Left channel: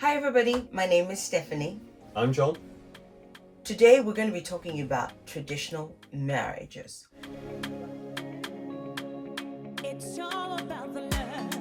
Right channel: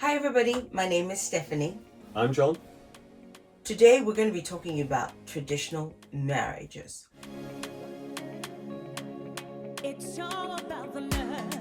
Hi everybody, my name is Stephanie. I'm Jon. Today we're going to be talking about traditional marriages. It's all about the love.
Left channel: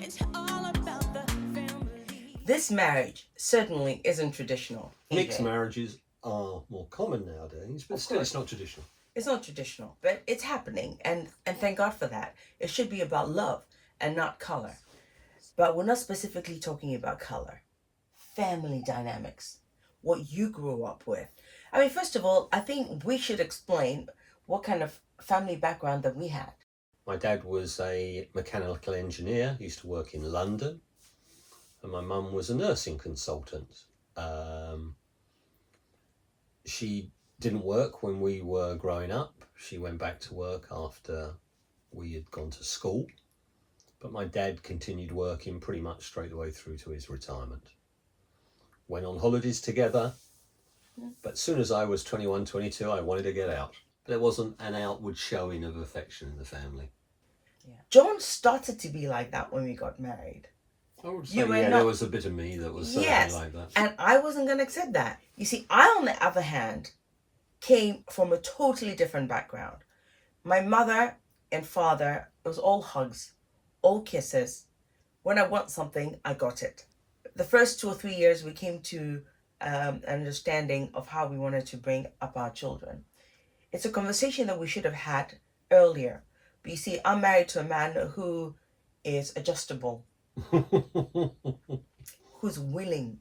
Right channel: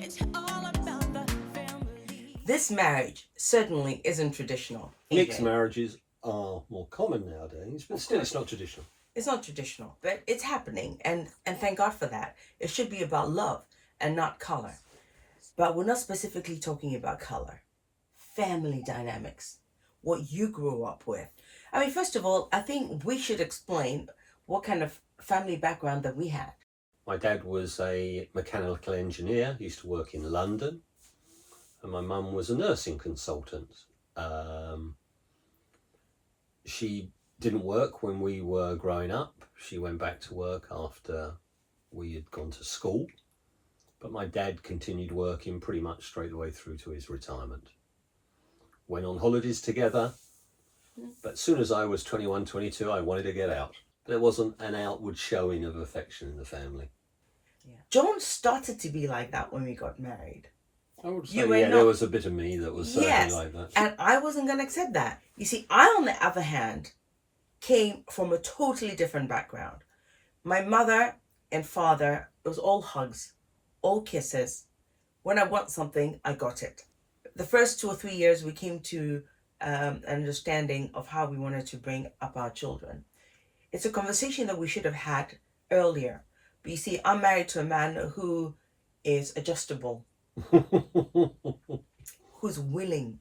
It's all about the family. This marriage certainly isn't traditional. Mixed marriages are more common nowadays, but still it's not traditional. It's not traditional, but it's happening, and thank God for that. It should be about love and not color. But we're not specifically talking about color. Family dynamics, what you grew up with. I mean, first of all, I think we should explain what kind of family background that we had. My dad was a mechanical engineer. He used to work in London. And my mum was a nursing consultant. She didn't work when we were growing up. She went back to work after we had gone to school. But my dad continued working pretty much straight away through to his retirement. Went on holidays together. But as soon as I was 21, 22, I wanted to get out. There wasn't an outward showing of affection in the family. Yeah. John started to be like that when we got married. I would You say, were yeah, not- there was a bit of me that was certainly Yes, like that. and I wasn't going to accept that. You see, I, on the other hand, came from a totally different background. My mother and father, it was all hugs, all kisses. When I want something, I got it. The first 2 or 3 years, we came to an understanding of how we wanted to bring up our children. It's a conversation that we should have had earlier. But you see, I'm married to a man who is adjustable, who's willing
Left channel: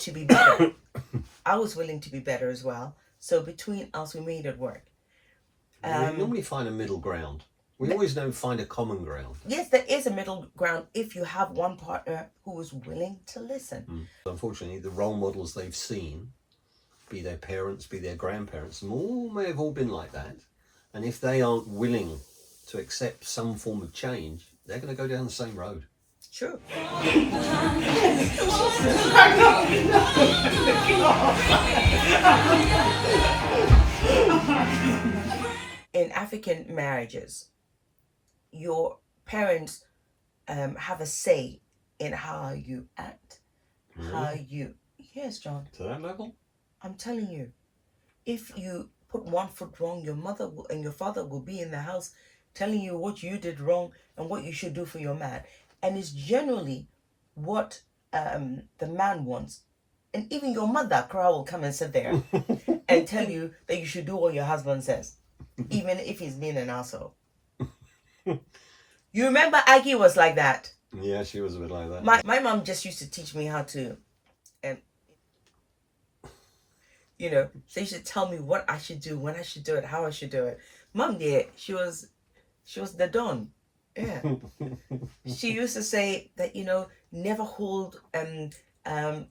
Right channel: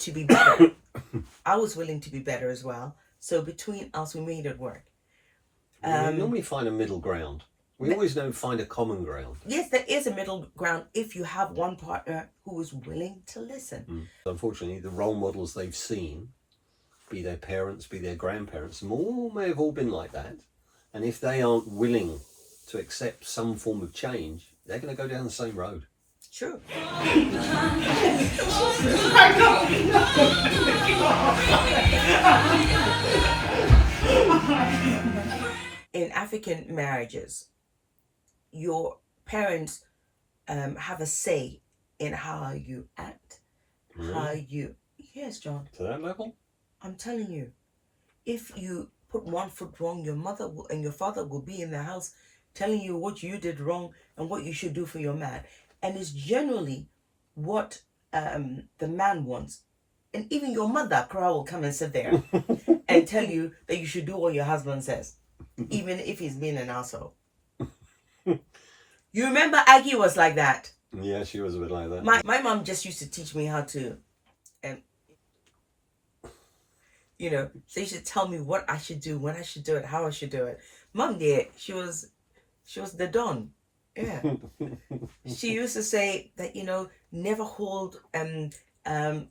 to be better. I was willing to be better as well. So between us, we made it work. We normally find a middle ground. We always don't find a common ground. Yes, there is a middle ground if you have one partner who is willing to listen. Unfortunately, the role models they've seen, be their parents, be their grandparents, may have all been like that. And if they aren't willing to accept some form of change, they're going to go down the same road. True. In African marriages, your parents have a say in how you act, how you... Yes, John, To that level? I'm telling you, if you put one foot wrong, your mother and your father will be in the house telling you what you did wrong and what you should do for your man. And it's generally what the man wants. And even your mother, Cora, will come and sit there and tell you that you should do what your husband says, even if he's being an asshole. You remember Aggie was like that. Yeah, she was a bit like that. My mom just used to teach me how to, so she should tell me what I should do, when I should do it, how I should do it. Mom did. She was the Don. Yeah. She used to say that, never hold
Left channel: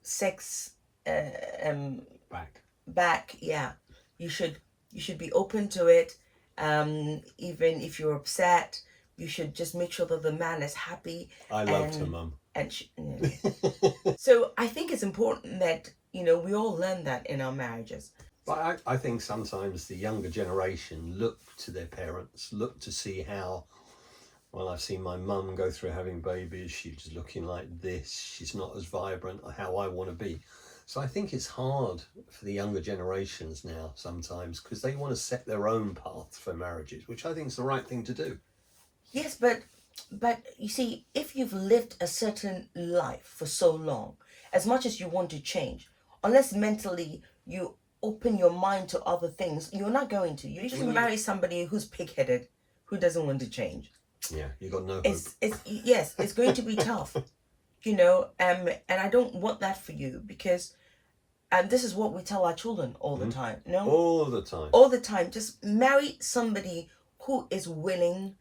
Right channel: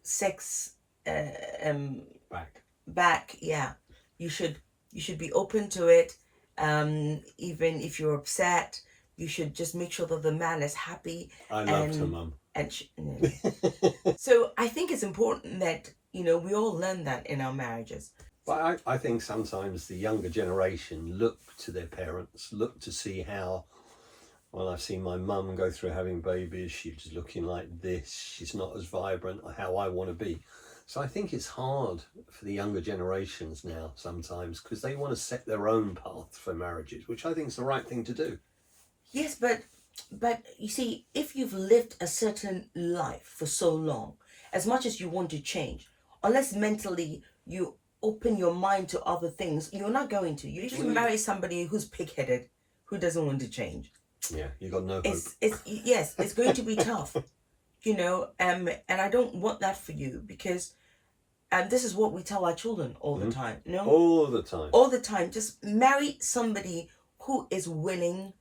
sex back. Yeah. You should be open to it. Even if you're upset, you should just make sure that the man is happy. I loved her mum. So I think it's important that, we all learn that in our marriages. But I think sometimes the younger generation look to their parents, look to see how, well, I've seen my mum go through having babies, she's looking like this, she's not as vibrant, how I want to be. So I think it's hard for the younger generations now sometimes because they want to set their own path for marriages, which I think is the right thing to do. Yes, but you see, if you've lived a certain life for so long, as much as you want to change, unless mentally you open your mind to other things, you're not going to. You usually marry somebody who's pig-headed, who doesn't want to change. Yeah, you got no hope. It's going to be tough, and I don't want that for you because, and this is what we tell our children all the time. All the time. All the time. Just marry somebody who is willing.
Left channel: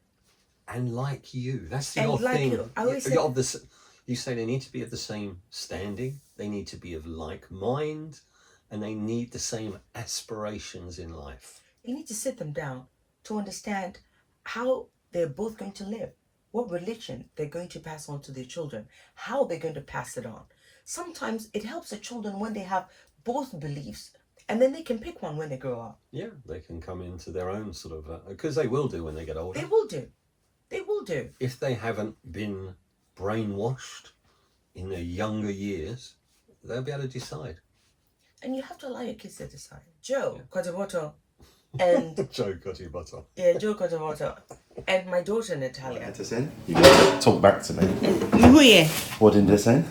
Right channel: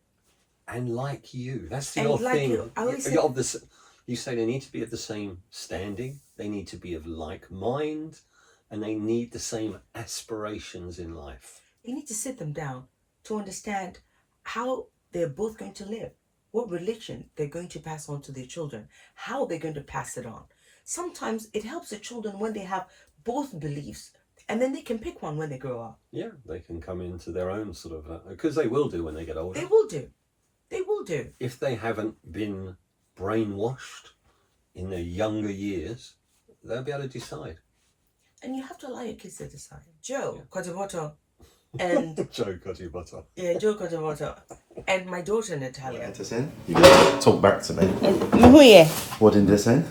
And like you. That's the And odd like thing. you. I always say- You say they need to be of the same standing, they need to be of like mind, and they need the same aspirations in life. You need to sit them down to understand how they're both going to live, what religion they're going to pass on to their children, how they're going to pass it on. Sometimes it helps the children when they have both beliefs, and then they can pick one when they grow up. Yeah, they can come into their own sort of, because they will do when they get older. They will do. They will do. If they haven't been brainwashed in their younger years, they'll be able to decide. And you have to allow your kids to decide. Joe, Kotaboto, and Joe Cutty Butter. yeah, Joe Kotaboto, and my daughter Natalia. You gotta talk back to me. Who yeah? What did they say?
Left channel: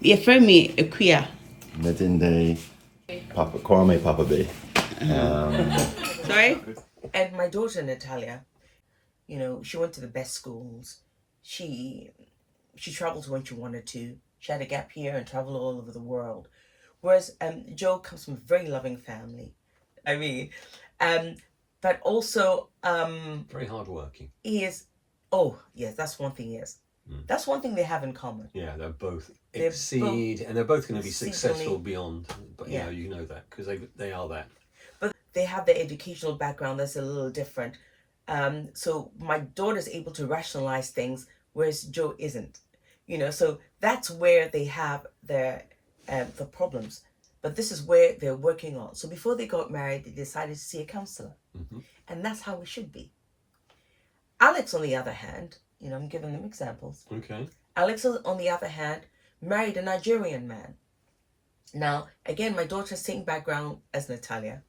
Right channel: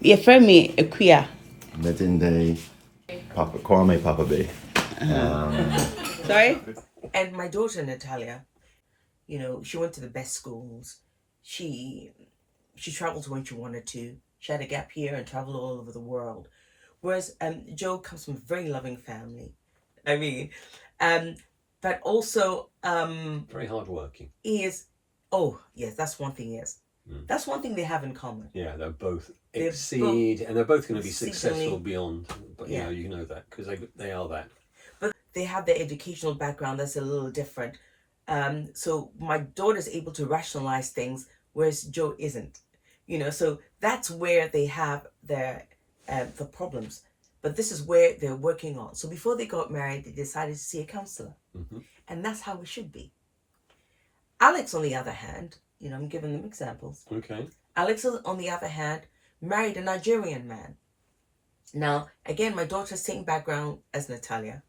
Your friend me a queer. Medinde, Papa Kwame, Papa B. Sorry? And my daughter Natalia, you know, she went to the best schools. She traveled when she wanted to. She had a gap year and traveled all over the world. Whereas Joe comes from a very loving family. I mean, but also Very hardworking. he is. Oh yes, that's one thing. Yes, that's one thing they have in common. Yeah, they're both They're exceed, and they're both going to be exceedingly- successful beyond. But Yeah. you know that because they are that. But they have their educational background that's a little different. So my daughter's able to rationalize things, whereas Joe isn't. You know, so that's where they have their the problems. But this is where they're working on. So before they got married, they decided to see a counselor, and that's how it should be. Alex, on the other hand, you know, I'm giving them examples. Okay. Alex, on the other hand, married a Nigerian man. Now, again, my daughter's same background as Natalia,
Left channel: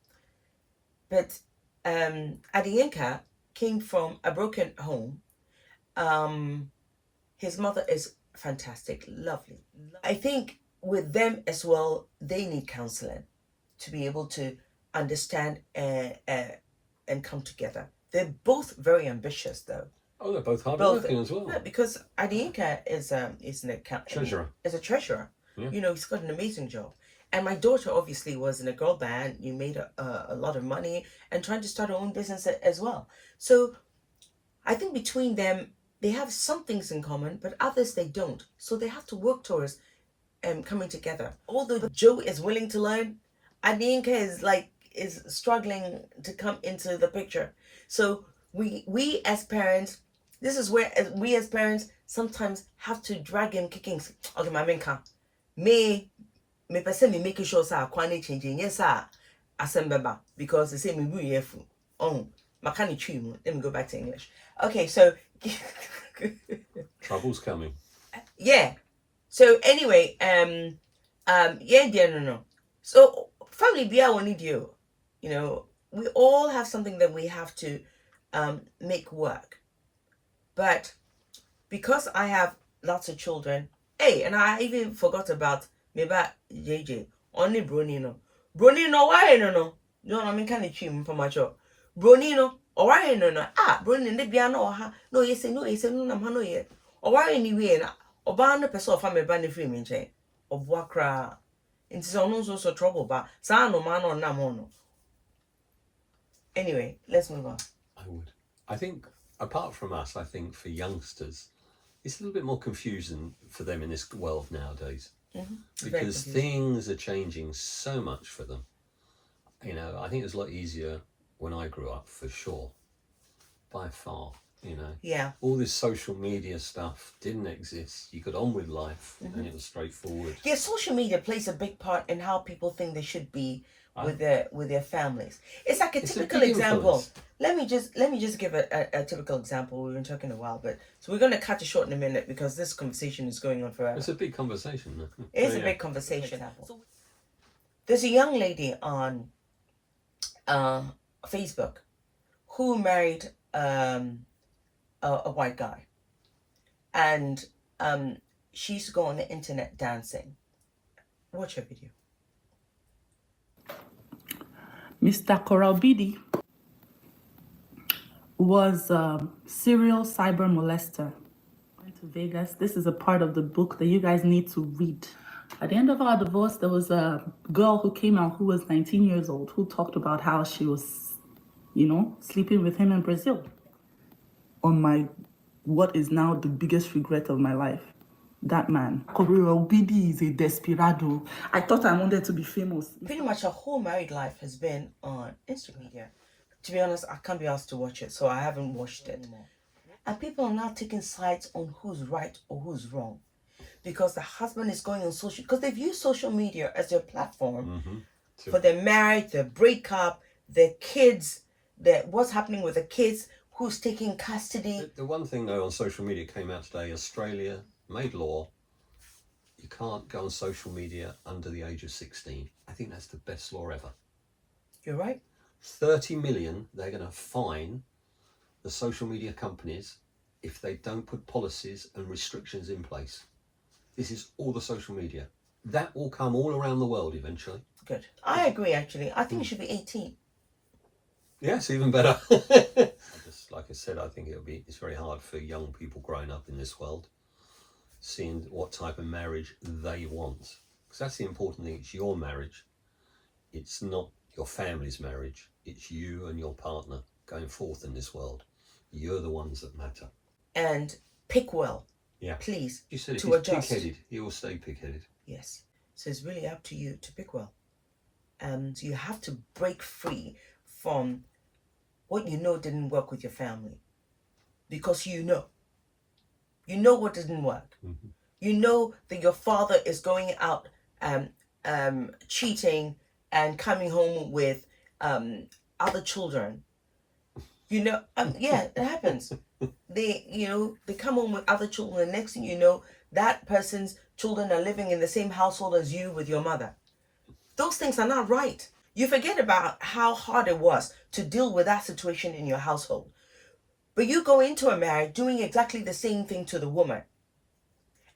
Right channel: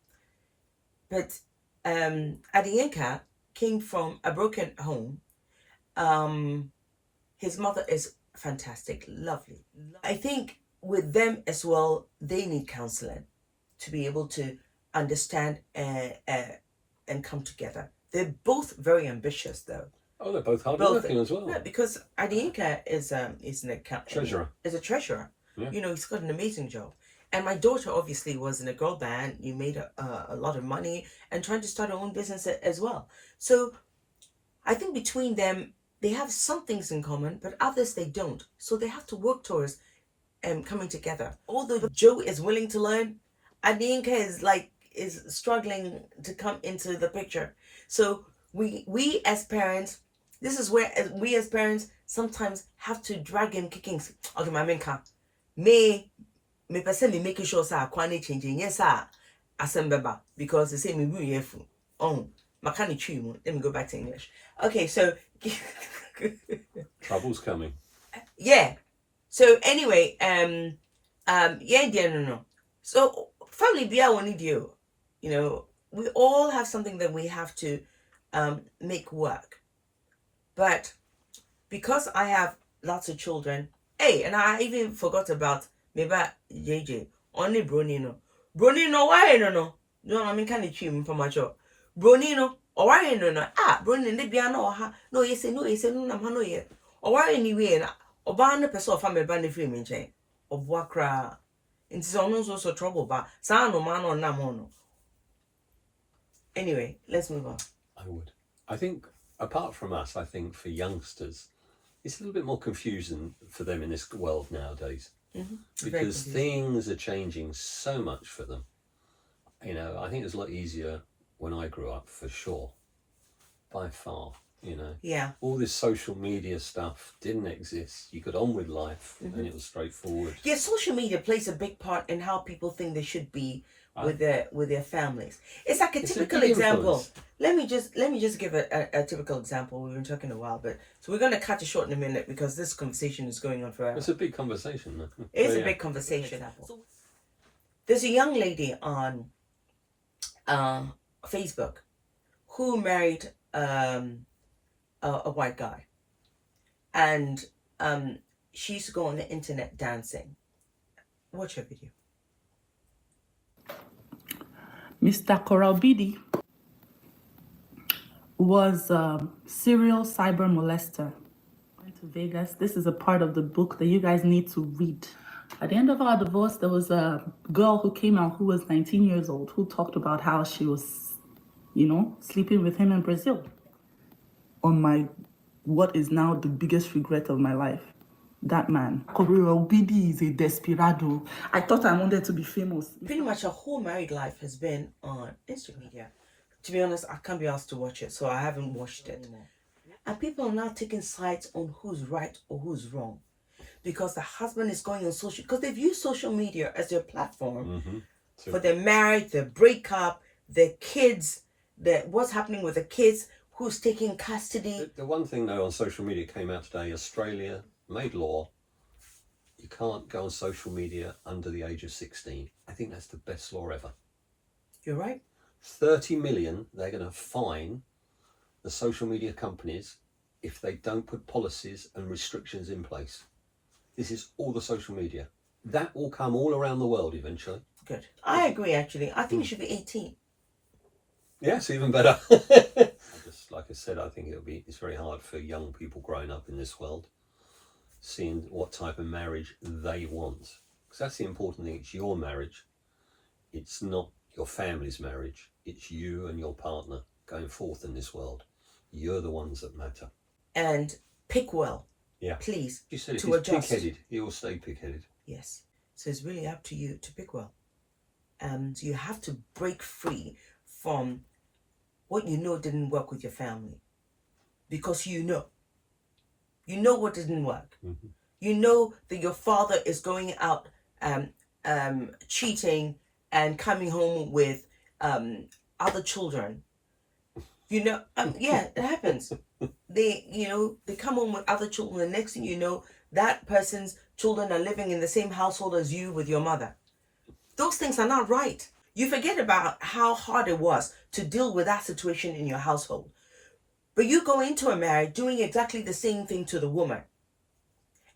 but Adiyinka came from a broken home. His mother is fantastic, lovely. I think with them as well, they need counseling to be able to understand and come together. They're both very ambitious, though. Oh, they're both hardworking as well. Yeah, because Adiyinka is an account Treasurer. Is a treasurer. Yeah. You know, he's got an amazing job. And my daughter obviously was in a girl band. You made a lot of money and trying to start her own business as well. So I think between them, they have some things in common, but others they don't. So they have to work towards coming together. Although Joe is willing to learn, Adiyinka is struggling to come into the picture. So we as parents, this is where we as parents sometimes have to drag him kicking. Okay, my menka, me person me making sure sa kwani changing yes sir, asembeba because they say me be careful. Oh, makani chimu. Let me go back to English. Okay, so Trouble's coming. yeah. So anyway, no. So family be our need you. You know, we all have something that we have to make work. But because I have lots of children, hey, and I even forgot about maybe JJ, only Brunino. Brunino, why no? No, I mean, can you cheat for my job? Brunino, or why no? Brunin, the piano, no, yes, no, no, yet. Or why anyway, or ban the person of family band free in chain, or Wakra. It's someone's also trouble, but San no man or Namono. Anyway, let's move on. I would. I think, apart from us, I think for youngsters, it's a little bit more confusing for them in this world nowadays. Because things are changing so much for them. You know, I think it was a lot easier when I grew up, for sure. By far, you know. Yeah. All this social media stuff didn't exist. You got on with life and it was straightforward. Yeah, social media plays a big part in how people think they should be with their families. It's like a typical big example. influence. Let me just give a typical example. We've been talking a while, but so we're gonna cut it short in a minute because this conversation is going on forever. It's a big conversation. Though. It is Yeah. a big conversation. There's a young lady on Facebook who married a white guy, and she used to go on the internet dancing. Watch her video. Mr. Korobidi was a serial cyber molester. Went to Vegas. This is a part of the book that you guys need to read. At the end of our divorce, there was a girl who came out who was 19 years old who talked about how she was, you know, sleeping with him in Brazil. On what is now the biggest regret of my life. That man. Korobidi is a desperado. I thought I wanted to be famous. Pretty much her whole married life has been on Instagram media. To be honest, I can't be asked to watch it, so I haven't watched it. And people are now taking sides on who's right or who's wrong. Because the husband is going on social, because they've used social media as their platform for their marriage, their breakup, their kids, what's happening with the kids, who's taking custody. The one thing though on social media came out today, Australia made law. You can't go on social media under the age of 16. I think that's the best law ever. You're right. 30 million they're going to fine the social media companies if they don't put policies and restrictions in place. This is all the social media. That will come all around the world eventually. Good. I agree, actually. I think it should be 18. Yes, even better. Just like I said, I think it's very hard for young people growing up in this world, seeing what type of marriage they want. Because that's the important thing. It's your marriage. It's not your family's marriage. It's you and your partner going forth in this world. You're the ones that matter. And pick well. Yeah. Please. You said if to he's adjust. pig-headed, he will stay pig-headed. Yes. So it's really up to you to pick well. And you have to break free from what you know didn't work with your family. Because you know. You know what didn't work. Mm-hmm. You know that your father is going out cheating and coming home with other children. You know, yeah, it happens. They come home with other children, and next thing you know, that person's children are living in the same household as you with your mother. Those things are not right. You forget about how hard it was to deal with that situation in your household. But you go into a marriage doing exactly the same thing to the woman,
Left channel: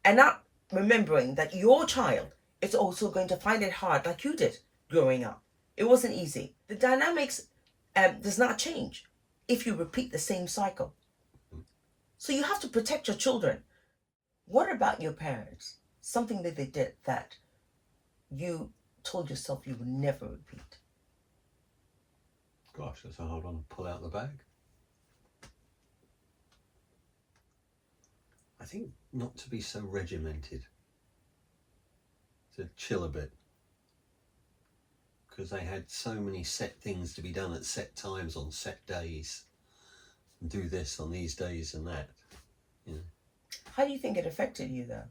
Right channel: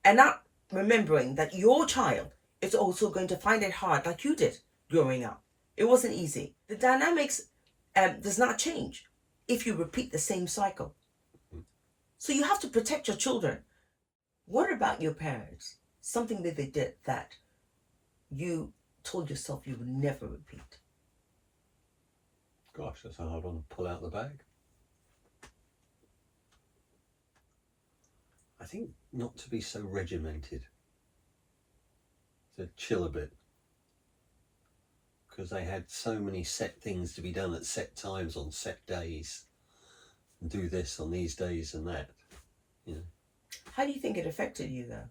and not remembering that your child is also going to find it hard like you did growing up. It wasn't easy. The dynamics does not change if you repeat the same cycle. So you have to protect your children. What about your parents? Something that they did that you told yourself you would never repeat. Gosh, that's a hard one to pull out the bag. I think not to be so regimented. To chill a bit. Because they had so many set things to be done at set times on set days. And do this on these days and that. You know. How do you think it affected you though?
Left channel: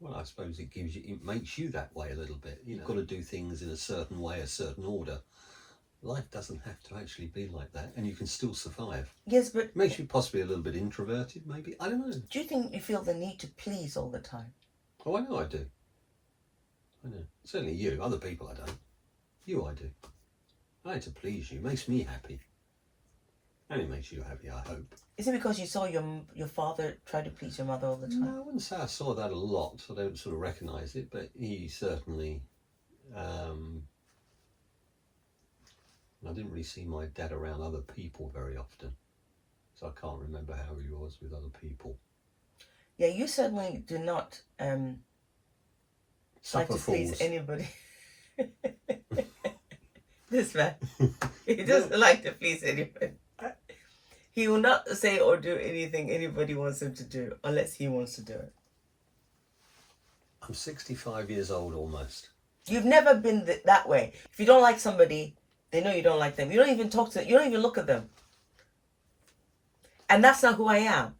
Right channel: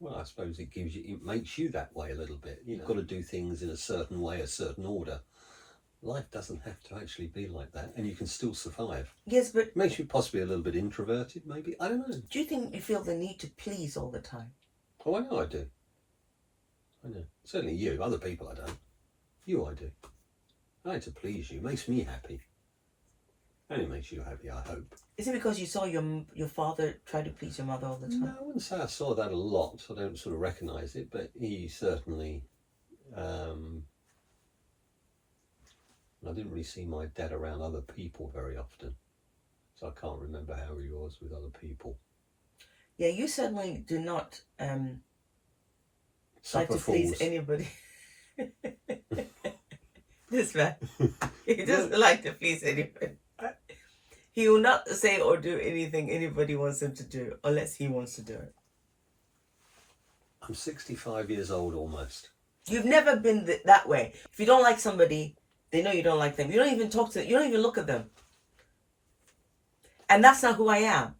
Well, I suppose it makes you that way a little bit. You've got to do things in a certain way, a certain order. Life doesn't have to actually be like that, and you can still survive. Yes, but It makes you possibly a little bit introverted, maybe. I don't know. do you think you feel the need to please all the time? Oh, I know I do. I know. Certainly you. Other people I don't. You I do. I like to please you. It makes me happy. And it makes you happy, I hope. Is it because you saw your father try to please your mother all the time? No, I wouldn't say I saw that a lot. I don't sort of recognise it, but he certainly... I didn't really see my dad around other people very often. So I can't remember how he was with other people. Yeah, you certainly do not like Supper to please fools. anybody. This man, he doesn't like to please anybody. He will not say or do anything anybody wants him to do unless he wants to do it. I'm 65 years old almost. You've never been that way. If you don't like somebody, they know you don't like them. You don't even talk to them. You don't even look at them. And that's not who I am.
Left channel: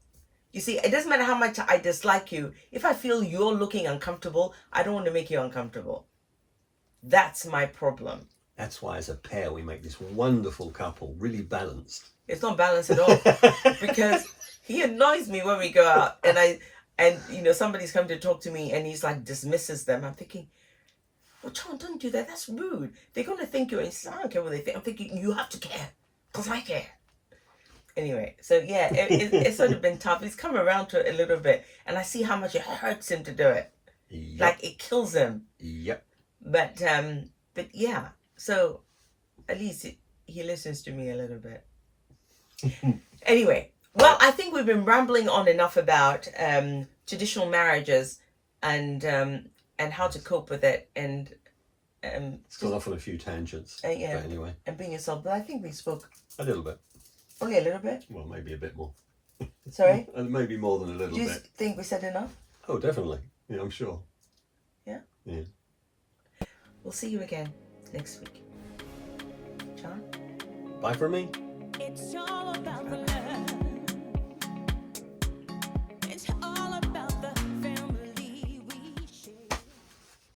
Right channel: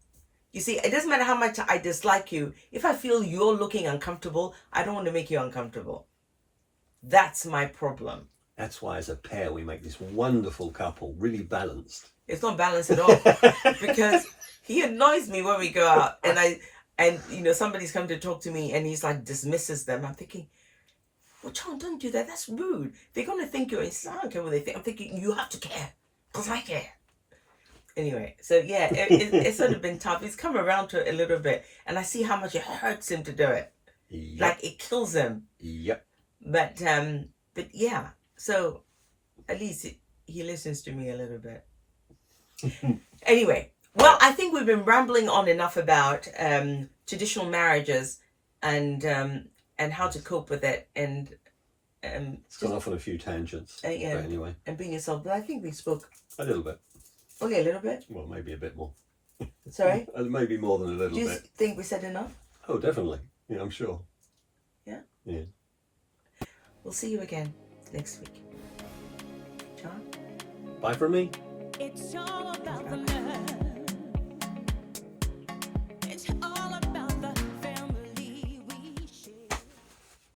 You see, it doesn't matter how much I dislike you. If I feel you're looking uncomfortable, I don't want to make you uncomfortable. That's my problem. That's why as a pair we make this wonderful couple, really balanced. It's not balanced at all. Because he annoys me when we go out and somebody's come to talk to me and he's like dismisses them. I'm thinking, well, Jon, don't do that. That's rude. They're going to think you're insane. I don't care what they think. I'm thinking, you have to care. Because I care. Anyway, so yeah, it's sort of been tough. He's come around to it a little bit. And I see how much it hurts him to do it. Yep. Like, it kills him. Yep. But yeah. So, at least he listens to me a little bit. Anyway, well, I think we've been rambling on enough about traditional marriages and how to cope with it, and It's gone off on a few tangents. yeah, But anyway, and being yourself. But I think we spoke a little bit. only a little bit. Well, maybe a bit more. Sorry, Maybe more than a little do you bit. think we said enough? Oh, definitely. Yeah, I'm sure. Yeah. Yeah. We'll see you again next week. Jon? Bye from me. It's all about the love.